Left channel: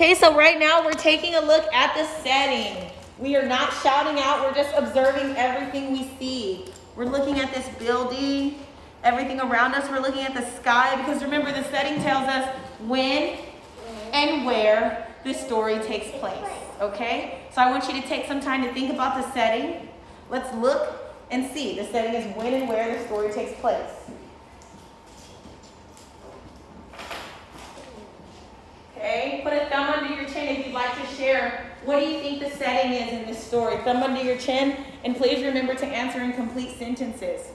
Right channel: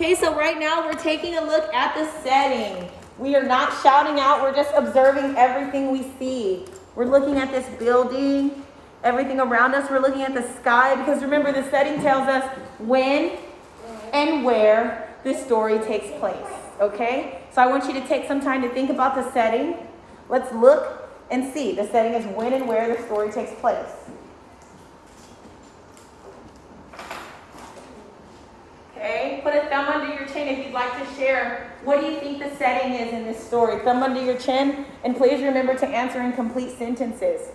Okay, so right now we're taking a look at the setting. We are not shouting out, we're just observing everything we see. We're looking at this building, everything around us. We're looking at the sky because remember the setting tells us when and where this story takes place, okay? So I want you to take some time to think about the setting. Let's look and see. The setting is when and where the story takes place. Okay, put a thumb under your chin if you'd like to share. What do you think the setting is in this story? Thumb under your chin, and please remember to answer in complete sentences.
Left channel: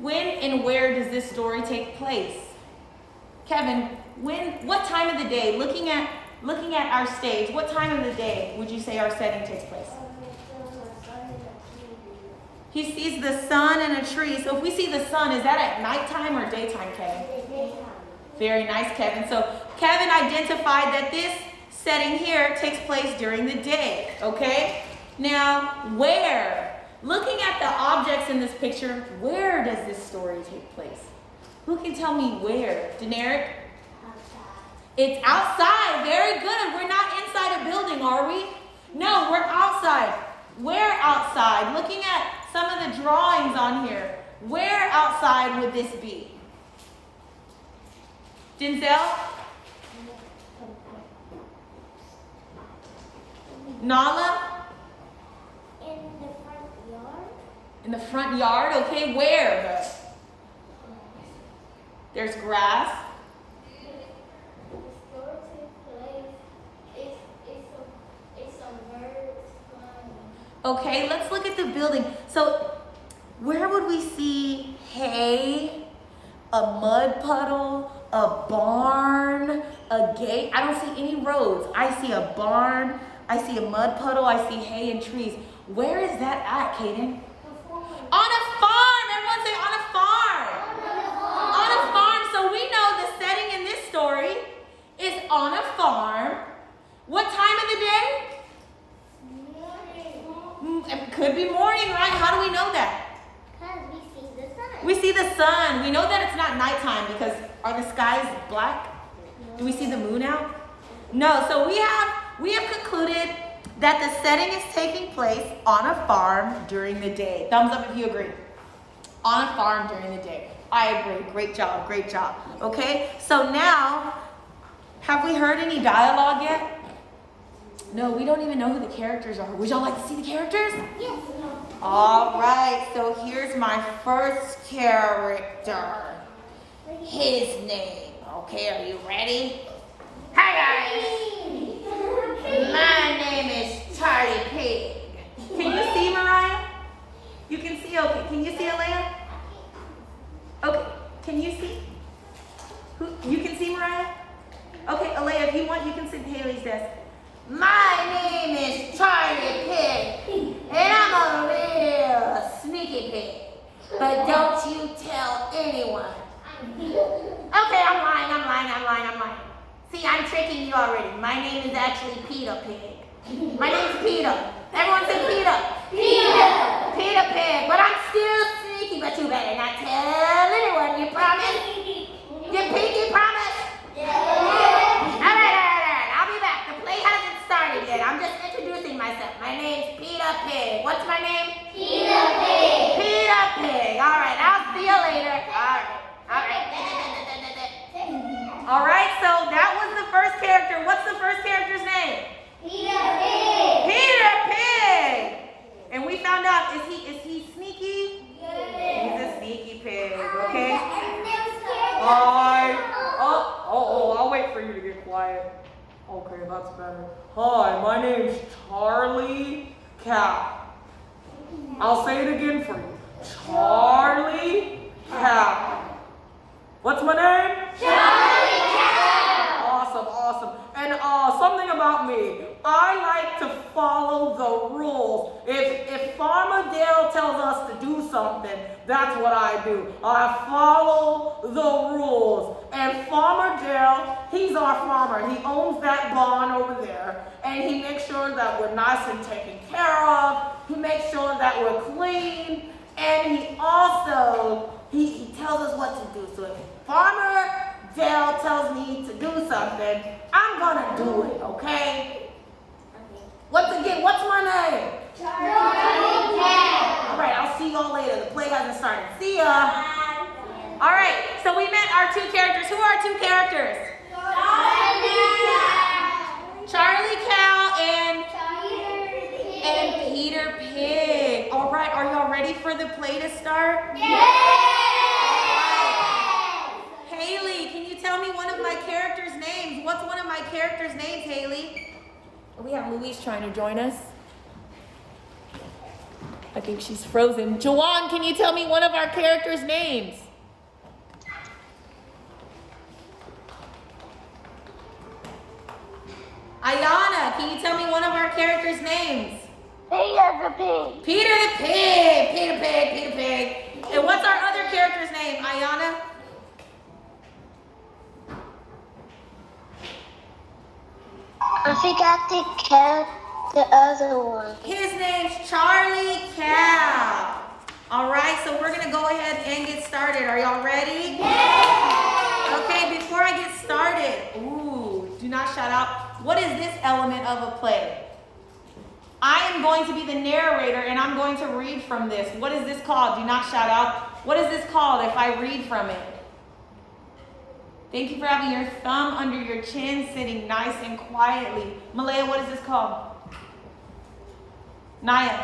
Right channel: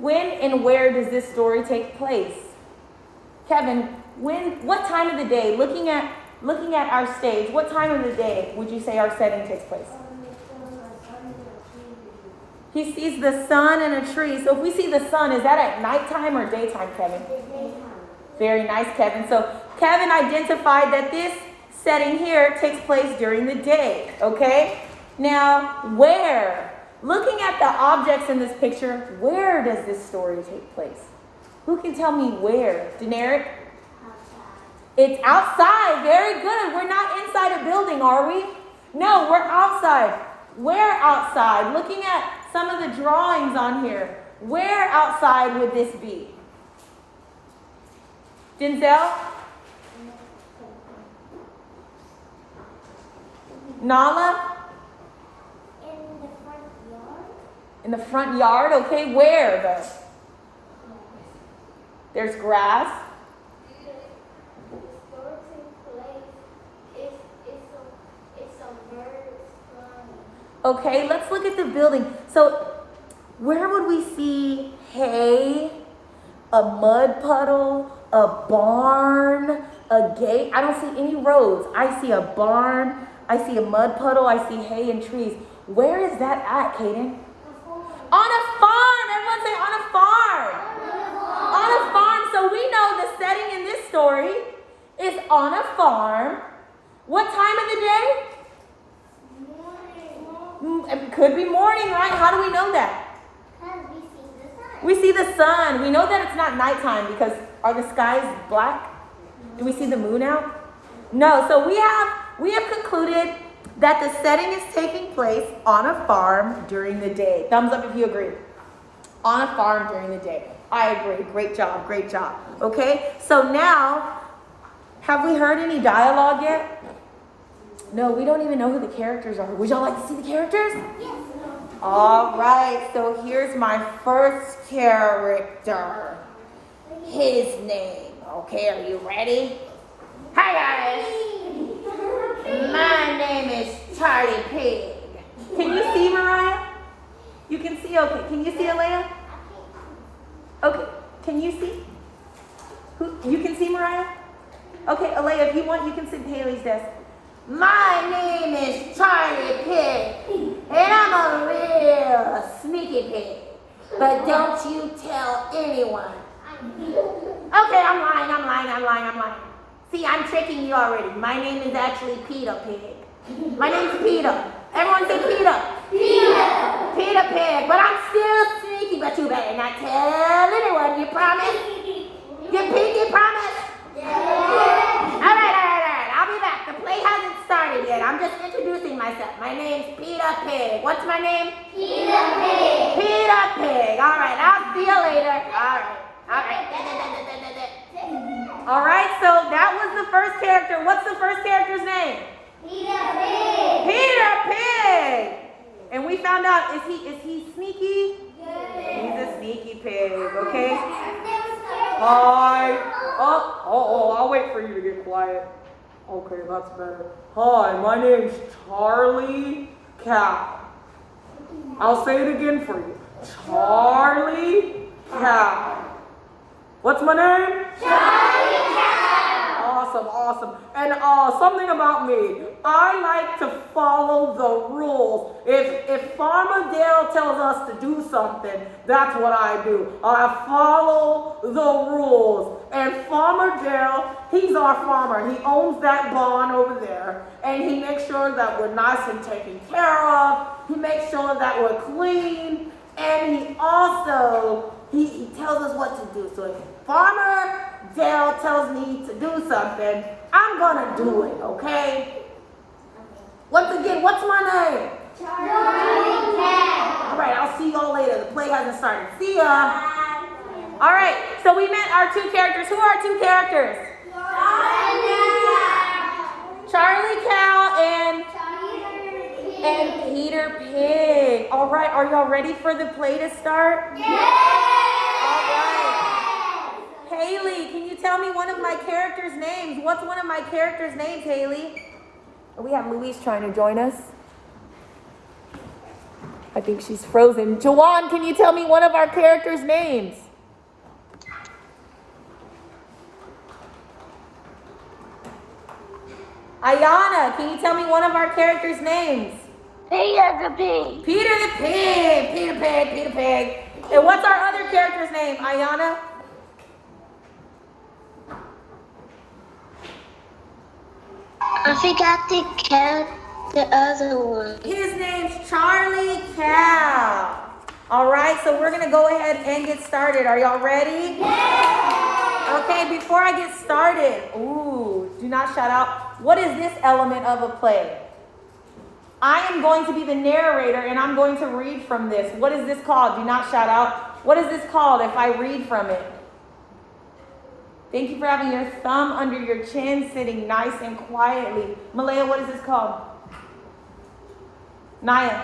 When and where does this story take place? Kevin, what time of the day, looking at our stage, what time of the day would you say our setting takes place? He sees the sun and a tree. So if we see the sun, is that at nighttime or daytime, Kevin? Very nice, Kevin. So Kevin identified that this setting here takes place during the day, okay? Now, where? Looking at the objects in this picture, where does this story take place? Who can tell me where? Deneric? Outside. It's outside. Very good. We're not inside a building, are we? No, we're outside. Where outside? Looking at some of the drawings on here, where outside would this be? Denzel? Nala? In the front yard? Okay, where though? There's grass. Okay, let's look at the building. So, where would we see hay, a mud puddle, a barn, a gate? I don't see any roads. I see a barn, I see a mud puddle, I see hay and trees. Where is that at, Kaden? On a farm. Everyone say on a farm. On a farm. So we know the setting in this story is on a farm. What time of the day? It could be morning, right? How do we know that? Because we see the sun. We see the sun. We know that it's not nighttime because are the skies black? Do we see the moon out? No. So we have concluded that the setting is taking place on a farm during the day. Thumbs up if you agree. On a farm during the day. I agree. Great job. Great job. Okay. So now, have we heard any dialogue yet? No, we don't even know who the characters are. Would y'all like to see the characters? Yes. All right, so here's my first character. His name. Okay, are you ready? Hi, guys. My name is Charlie Pig. Can you see, Mariah? You can see? Okay. Can you see, Alea? Okay. Can you see? You can see, Mariah? Okay, Alea, if you want, you can sit at Haley's desk. My name is Charlie Pig, and I'm a real sneaky pig. But don't you tell anyone. Okay, I'm lying. See, I'm tricking you already. My name is actually Peter Pig. My name's Peter. Everyone say Peter. Peter. Peter Pig, but I'm still sneaky, but you better not tell anyone. You promise? You pinky promise? Yeah. All right. I'll be back. The play hasn't started yet. I'm just introducing myself. My name's Peter Pig. What's my name? Peter Pig. Peter Pig. All right. I'll see you later. All right. All right. So that was the first character. What's the first character's name? Peter Pig. Peter Pig. And we found out, is he sneaky? Yeah. He's a sneaky pig, okay? Hi. Oh, I'll wait for you to get quiet. Okay, that's better. Hi, my name's Charlie Cow. I'll say it again for you. Charlie Cow. What's my name? Charlie Cow. Awesome. And something about me. I like to follow the rules. If Farmer Dale tells us to do something, that's what I do. I follow the rules. And Farmer Dale, he's our farmer. He owns that barn over there. And he makes sure that we're nice and taken care of. He makes sure that we're clean. And he also, he tells us what to do. So if Farmer Dale tells me to do something, I'm gonna do it, okay? Once again, what's my name? Charlie Cat. All right, I'll see y'all later. The play hasn't started. See ya. All right, so we met our two characters. Who are our two characters? Charlie Cow and Peter Pig. All right, are y'all ready for the play to start? All right. Haley, can you tell me one of my characters' names? What's one of my characters' names, Haley? We have Louise trying to join us. I think she's frozen. Jawan, can you tell me one of our characters' names? Ayana, can you tell me one of our characters' names? Peter the Pig. Peter the Pig. Peter Pig, Peter Pig. And what's our other character's name, Ayana? I forgot the other one. His name's Charlie Cow. All right, so we're going to go ahead and get started. Are y'all ready? Yeah. Okay, before I get started, do not shout out. What is this element of a play? I am going to be the narrator, and I'm going to read from this. What is this called? Do not shout out. What is this called if I read from it? Thank you for having your thumb under your chin, sitting nice and quietly. Malaya, what is this called? Naya?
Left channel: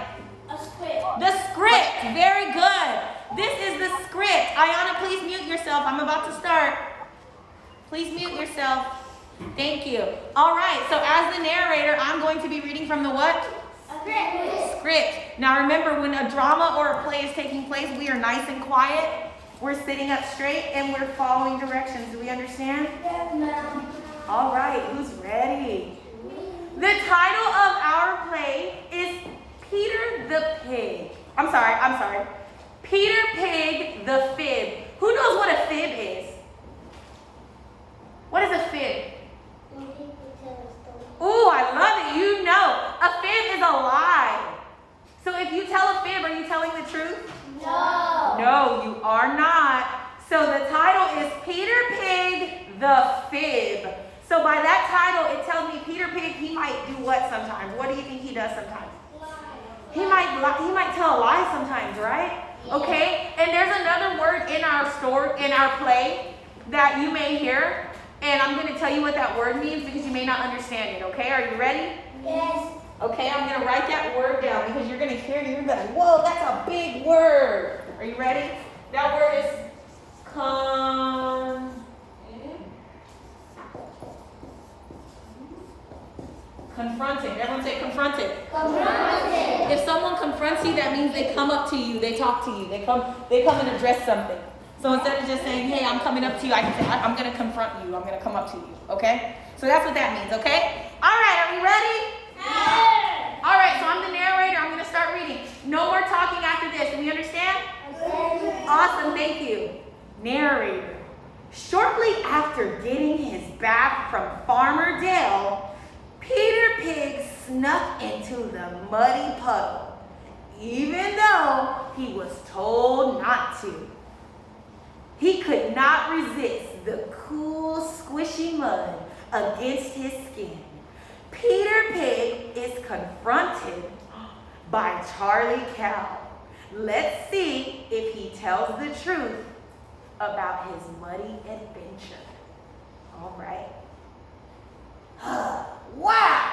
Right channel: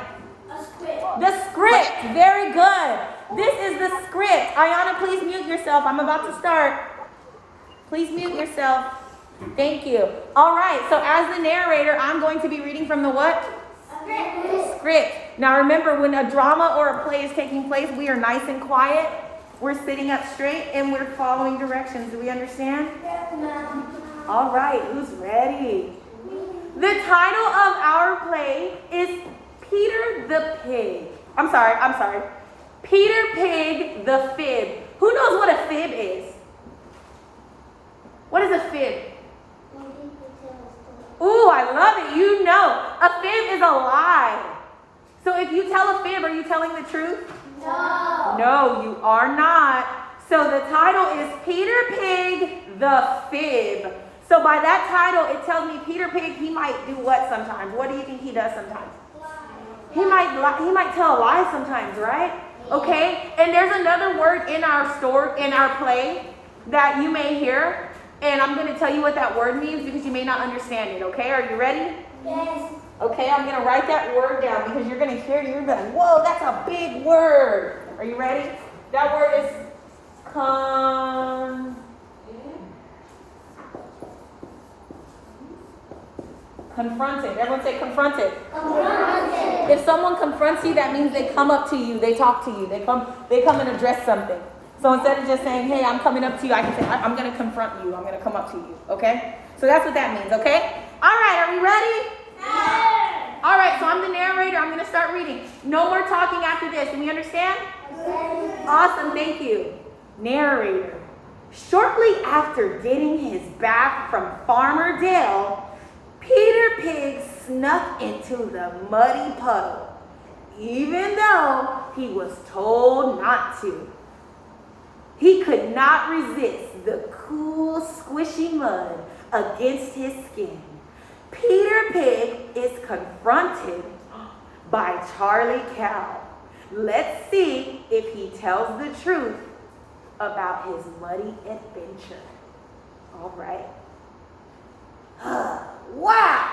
A script. The script. Very good. This is the script. Ayana, please mute yourself. I'm about to start. Please mute yourself. Thank you. All right, so as the narrator, I'm going to be reading from the what? Script. Now remember, when a drama or a play is taking place, we are nice and quiet. We're sitting up straight and we're following directions. Do we understand? Yes, ma'am. All right, who's ready? The title of our play is Peter the Pig. I'm sorry. Peter Pig the Fib. Who knows what a fib is? What is a fib? Ooh, I love it. You know. A fib is a lie. So if you tell a fib, are you telling the truth? No. No, you are not. So the title is Peter Pig the Fib. So by that title, it tells me Peter Pig, he might do what sometimes? What do you think he does sometimes? He might lie, he might tell a lie sometimes, right? Okay, and there's another word in our play that you may hear, and I'm going to tell you what that word means because you may not understand it, okay? Are you ready? Yes. Okay, I'm going to write that word down because you're going to hear it, you're going, whoa, that's a big word. Are you ready? That word is confronted. Everyone say confronted. Confronted. If someone confronts you, that means they come up to you, they talk to you, they come and address something. So instead of just saying, hey, I'm coming up to you, I can say, I'm going to confront you, I'm going to come up to you, okay? So that's what that means, okay? All right, are we ready? Yes. All right, so I'm the narrator, I'm going to start reading. No more talking after this, do we understand? Yes. Awesome, thank you. Narrator. Shortly after getting his bath from Farmer Dale, Peter Pig snuck into the muddy puddle, even though he was told not to. He could not resist the cool, squishy mud against his skin. Peter Pig is confronted by Charlie Cow. Let's see if he tells the truth about his muddy adventure. All right. Wow,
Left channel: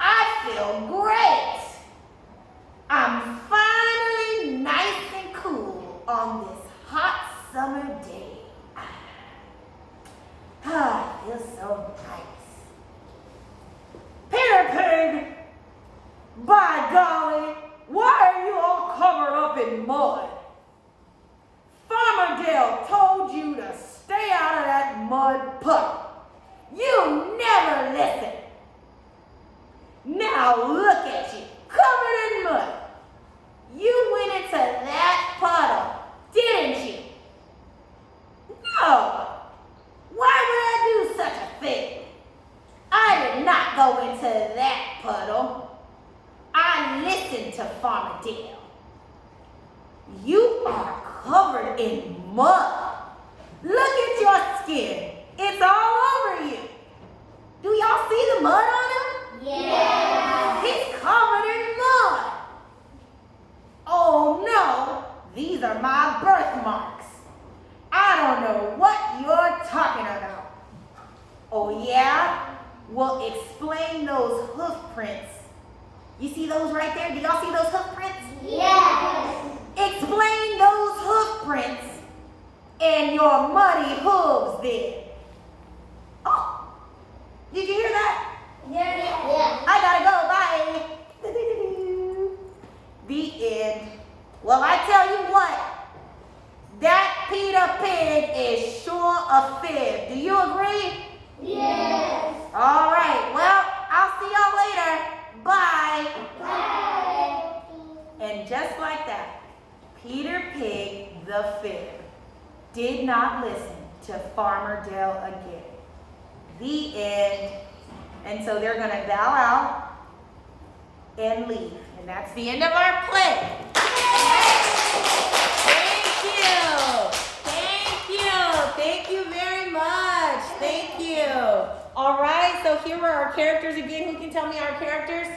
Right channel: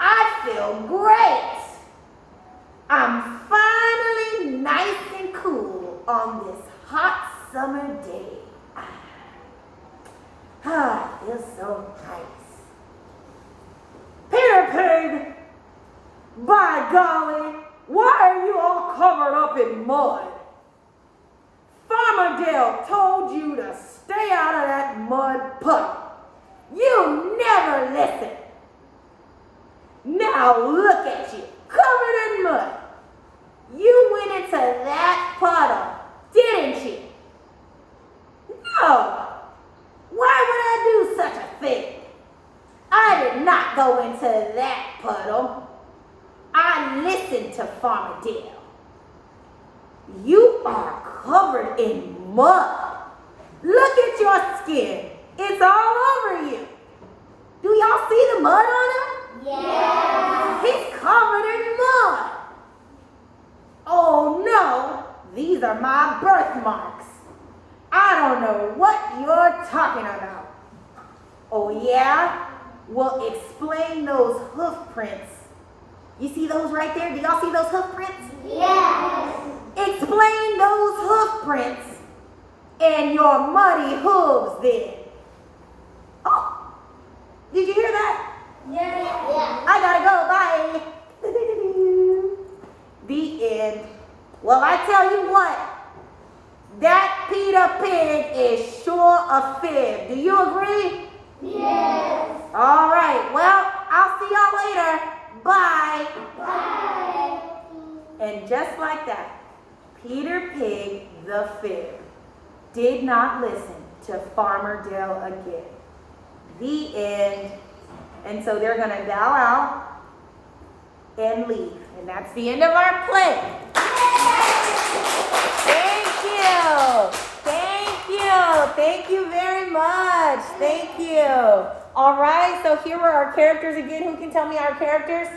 I feel great. I'm finally nice and cool on this hot summer day. I feel so nice. Peter Pig, by golly, why are you all covered up in mud? Farmer Dale told you to stay out of that mud puddle. You never listen. Now look at you, covered in mud. You went into that puddle, didn't you? No. Why would I do such a thing? I did not go into that puddle. I listened to Farmer Dale. You are covered in mud. Look at your skin. It's all over you. Do y'all see the mud on him? Yes. He's covered in mud. Oh no, these are my birthmarks. I don't know what you're talking about. Oh yeah? Well, explain those hoof prints. You see those right there? Do y'all see those hoof prints? Yes. Explain those hoof prints and your muddy hooves then. Oh, did you hear that? Yes. Yes. I gotta go, bye. The end. Well, I tell you what, that Peter Pig is sure a fib. Do you agree? Yes. All right, well, I'll see y'all later. Bye. Bye. And just like that, Peter Pig the fib did not listen to Farmer Dale again. The end. And so they're going to bow out and leave. And that's the end of our play. Thank you. Thank you. Thank you very much. Thank you. All right, so here are our characters again. Who can tell me our characters?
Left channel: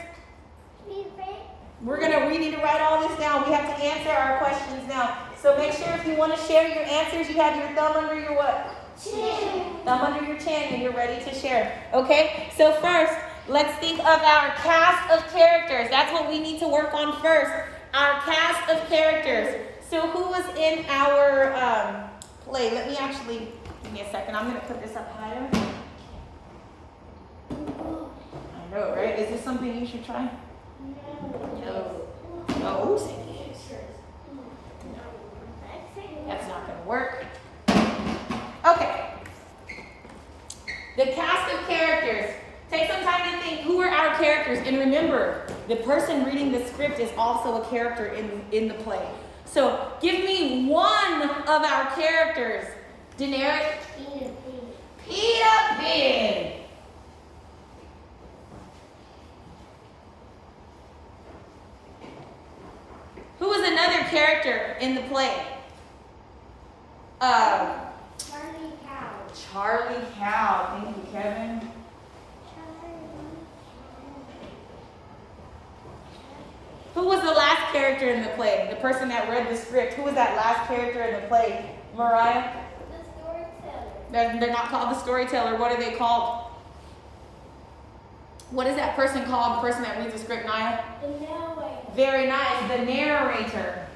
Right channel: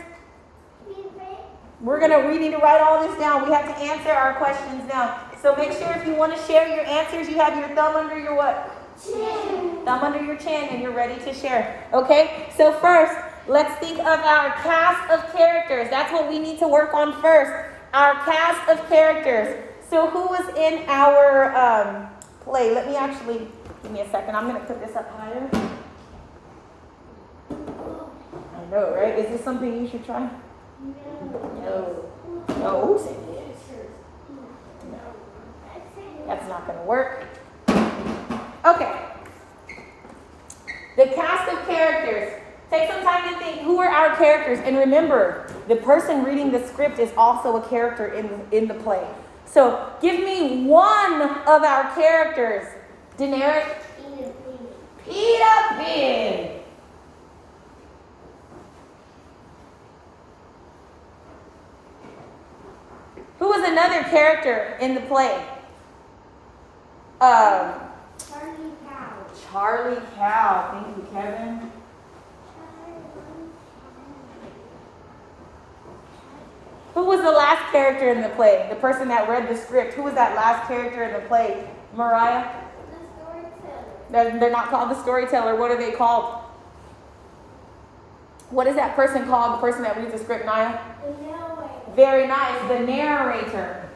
We need to write all this down. We have to answer our questions now. So make sure if you want to share your answers, you have your thumb under your what? Chin. Thumb under your chin and you're ready to share. Okay, so first, let's think of our cast of characters. That's what we need to work on first. Our cast of characters. So who was in our play? Let me actually, give me a second. I'm going to put this up higher. I know, right? Is this something you should try? No. No, who said yes? No. That's not going to work. Okay. The cast of characters. Take some time to think, who are our characters? And remember, the person reading the script is also a character in the play. So give me one of our characters. Daenerys? Peter Pig. Who was another character in the play? Charlie Cow. Charlie Cow. Thank you, Kevin. Who was the last character in the play? The person that read the script. Who was that last character in the play? Mariah? The storyteller. They're not called the storyteller. What are they called? What is that person called? The person that reads the script, Naya? The narrator. Very nice. The narrator.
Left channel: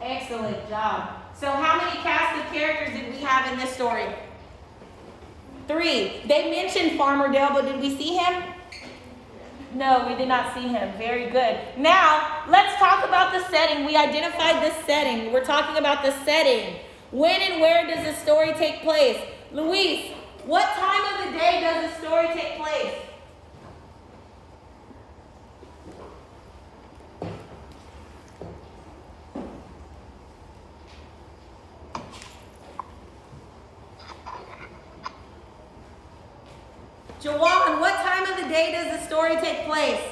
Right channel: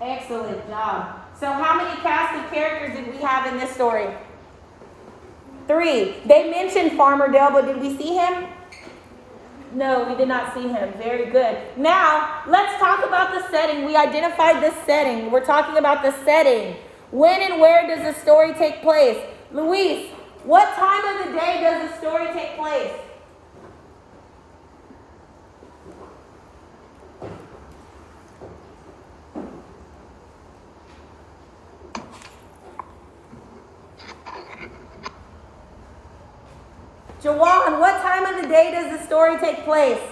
Excellent job. So how many cast of characters did we have in this story? 3. They mentioned Farmer Dale, but did we see him? No, we did not see him. Very good. Now, let's talk about the setting. We identified the setting. We're talking about the setting. When and where does the story take place? Luis, what time of the day does the story take place? Jawan, what time of the day does the story take place?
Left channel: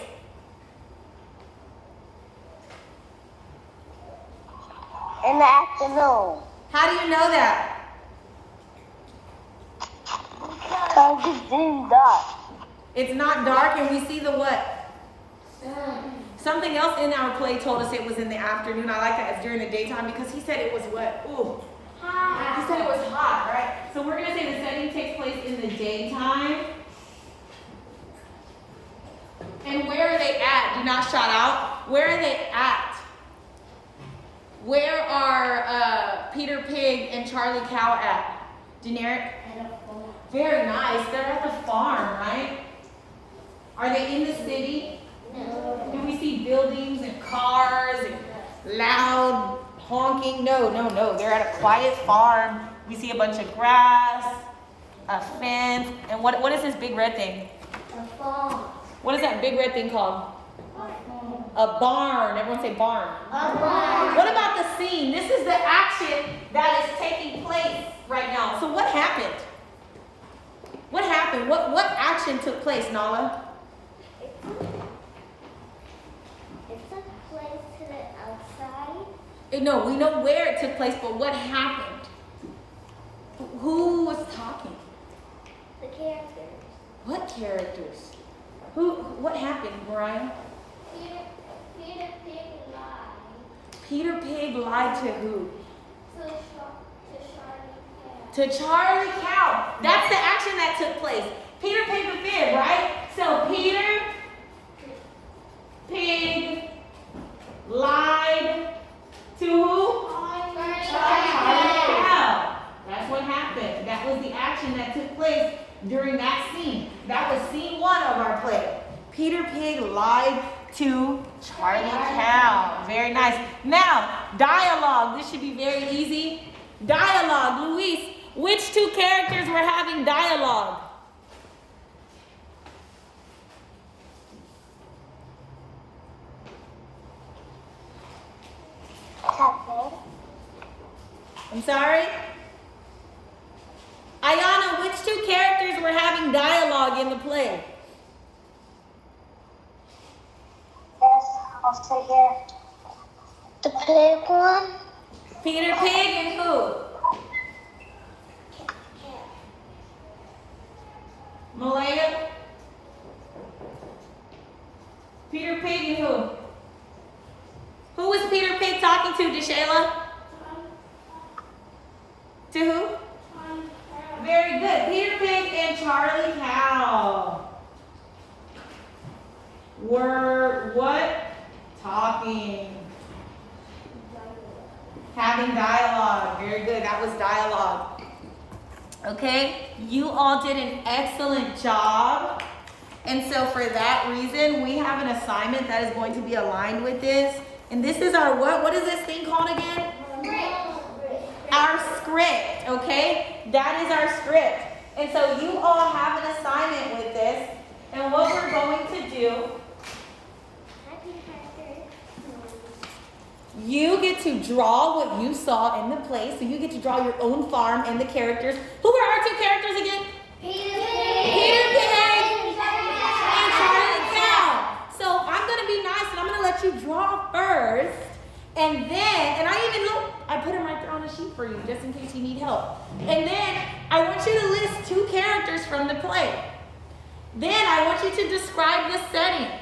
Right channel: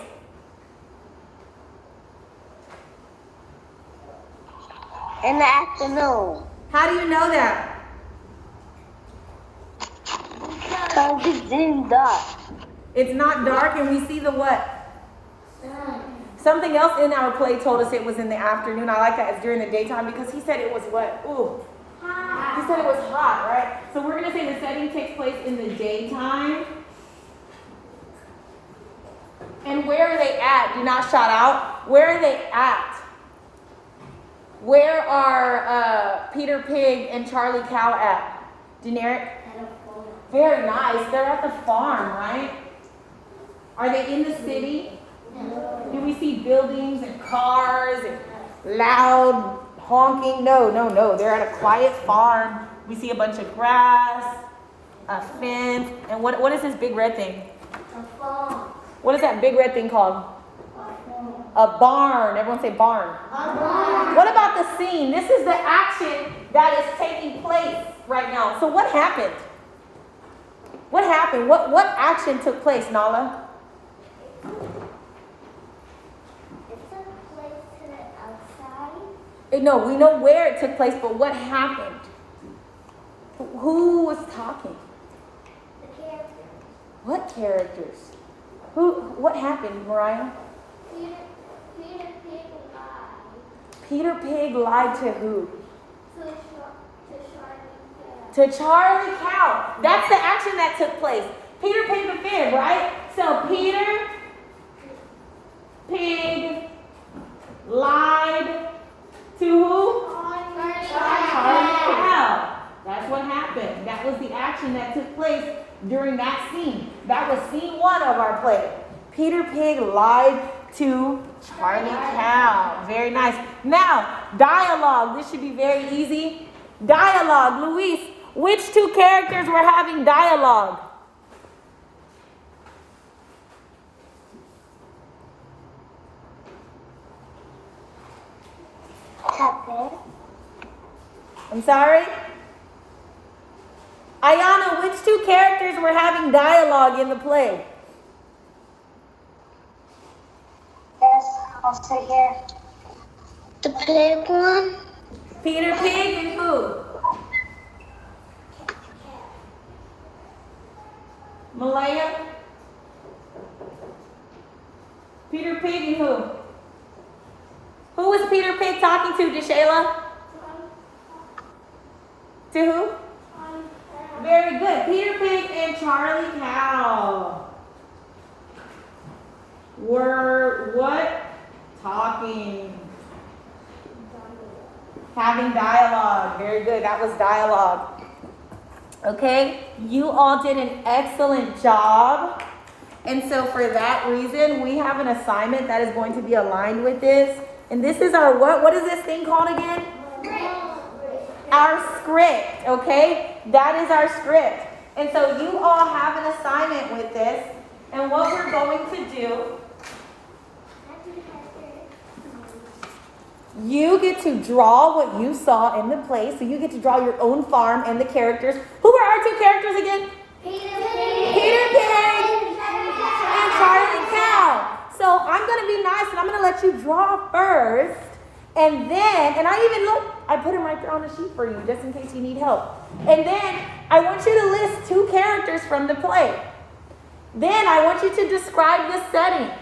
In the afternoon. How do you know that? Because it's getting dark. It's not dark and we see the what? Something else in our play told us it was in the afternoon. I like that it's during the daytime because he said it was what? Ooh. He said it was hot, right? So we're going to say the setting takes place in the daytime. And where are they at? Do not shout out. Where are they at? Where are Peter Pig and Charlie Cow at? Generic? Very nice. They're at the farm, right? Are they in the city? No. Do we see buildings and cars and loud honking? No. They're at a quiet farm. We see a bunch of grass, a fence, and what is this big red thing? A phone. What is that big red thing called? A barn. Everyone say barn. What about the scene? This is the action that is taking place right now. So what happened? What happened? What action took place, Nala? It took place to the outside. No, we know where it took place, but what happened? Who was talking? The characters. What characters? What happened, Mariah? Peter Pig lied Peter Pig lied to who? to Charlie Cat. To Charlie Cow. That's the action that took place. Peter Pig the fib, right? So Peter Pig lied to who? Charlie Cow. That's what happened. That was the action that took place during that scene. That was scene 1 of our play. Peter Pig lied to Charlie Cow. Very nice. Now, dialogue. This should be very easy. Dialogue. Luis, which 2 characters were having dialogue? I'm sorry? Ayana, which 2 characters were having dialogue in the play? Yes, I'll sit here. The pig one? Peter Pig and who? Malaya? Peter Pig and who? Who was Peter Pig talking to, Deshayla? To who? Very good. Peter Pig and Charlie Cow were what? Talking. Having dialogue. Very good. That was dialogue. Okay? You all did an excellent job. And so for that reason, we have an assignment that is going to be aligned with this. And this is our what? What is this thing called again? Our script, okay? That is our script. And so you all have an assignment with this. And what we're going to do, you get to draw what you saw in the play. So you get to draw your own farm and the characters. Who are our 2 characters again? Peter Pig. Peter Pig and Charlie Cow. So I'm going to be nice and I'm going to let you draw first. And then, and I put them right there on the sheet for you just in case you need help. And then I want you to list 2 characters from the play. Then I want you to describe the setting.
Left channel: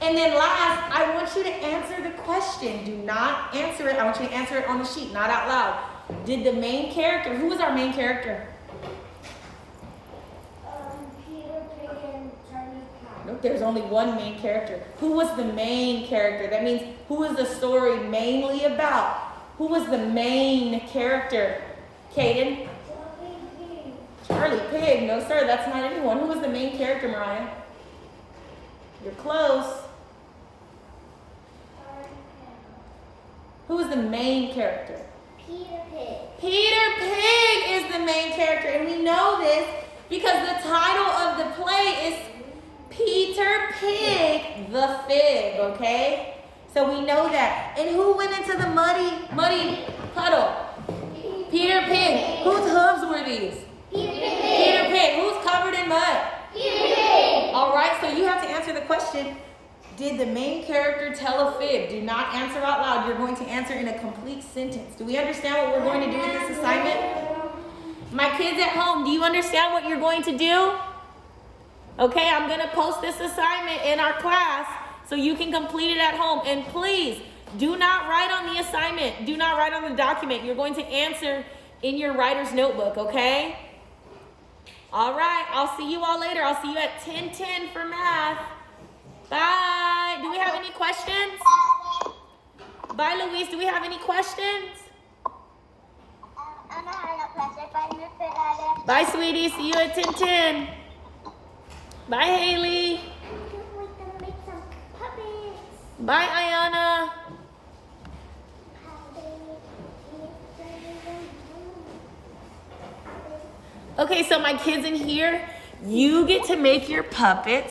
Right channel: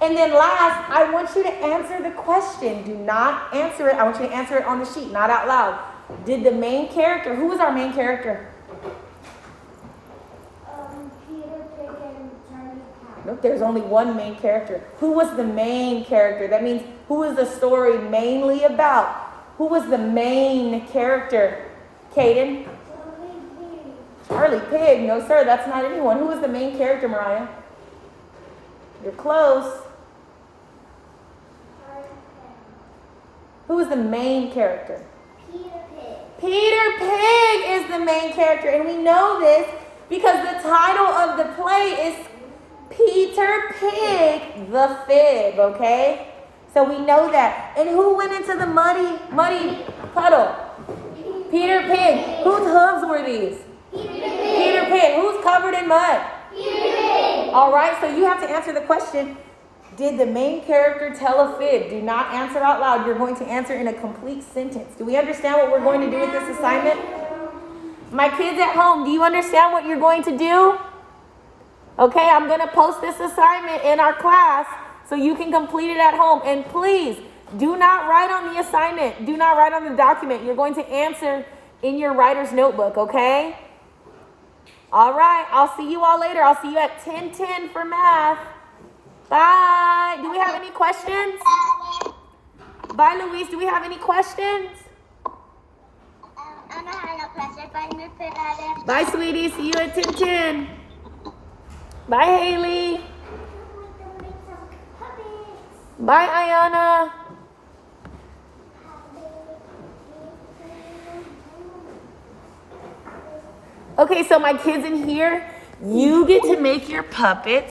And then last, I want you to answer the question. Do not answer it. I want you to answer it on the sheet, not out loud. Did the main character, who was our main character? Peter Pig and Charlie Cat. Nope, there's only one main character. Who was the main character? That means who is the story mainly about? Who was the main character? Caden? Charlie Pig. No, sir, that's not anyone. Who was the main character, Mariah? You're close. Who was the main character? Peter Pig. Peter Pig is the main character, and we know this because the title of the play is Peter Pig the Fib, okay? So we know that. And who went into the muddy puddle? Peter Pig. Whose hooves were these? Peter Pig. Who's covered in mud? Peter Pig. All right, so you have to answer the question, did the main character tell a fib? Do not answer out loud. You're going to answer in a complete sentence. Do we understand what we're going to do with this assignment? My kids at home, do you understand what you're going to do? Okay, I'm going to post this assignment in our class so you can complete it at home. And please, do not write on the assignment. Do not write on the document. You're going to answer in your writer's notebook, okay? All right, I'll see you all later. I'll see you at 10:10 for math. Bye. Do we have any questions? Bye, Luis. Do we have any questions? Bye, sweetie. See you at 10:10. Bye, Haley. Bye, Ayana. Okay, so my kids in here, you get to make your puppets.